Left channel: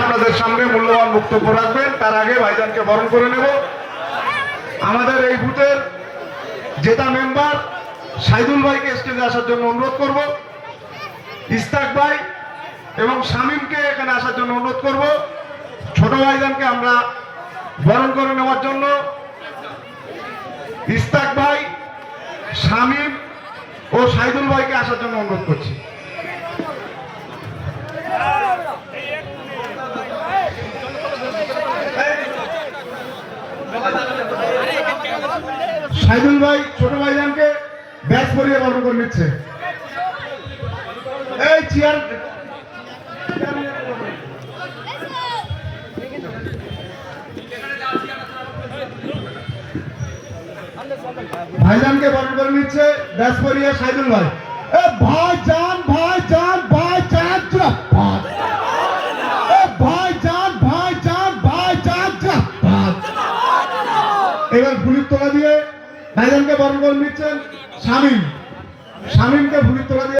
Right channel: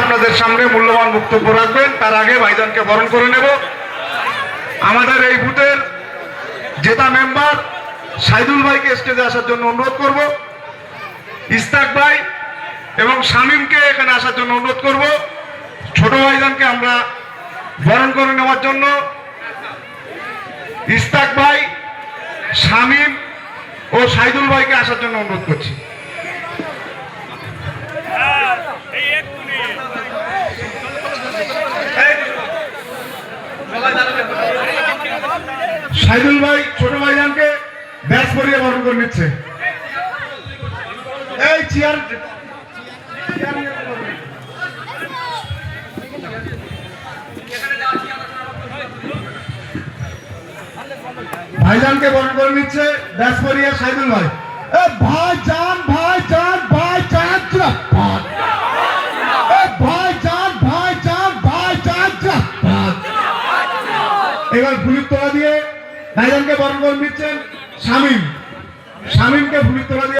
আপনাদের সামনে মূল্যবান বক্তব্য রাখবেন। তার আগে ভাইজানকে বরণ করে নেব। আমাদের এই বুথের জেতা মেম্বার সাইদুল ভাইকে স্টেজে আসার জন্য অনুরোধ করব। ইস্তাক ভাই এবং শামীমকে এখানে আসার জন্য অনুরোধ করব। ছোট ভাইজানকে আমরা বরণ করে নেওয়ার জন্য ইস্তাক ভাই, শামীম ও সাইদুল ভাইকে আসার জন্য অনুরোধ করছি। সাইদুল ভাই ছোট ভাইজানকে ব্যাস করিয়ে বরণ করে নিচ্ছে। এই চেয়ার ভাইজানকে বরণ করে নিচ্ছে ব্যাস করিয়ে সাইদুল ভাই। ভাইজান ভাইজান ভাইজান জিন্দাবাদ। ভাইজান ভাইজান ভাইজান জিন্দাবাদ। এবার ফুলের তোলা দিয়ে ভাইজানকে বরণ করে নিচ্ছেন শামীমকে ফুলের তোলা দিয়ে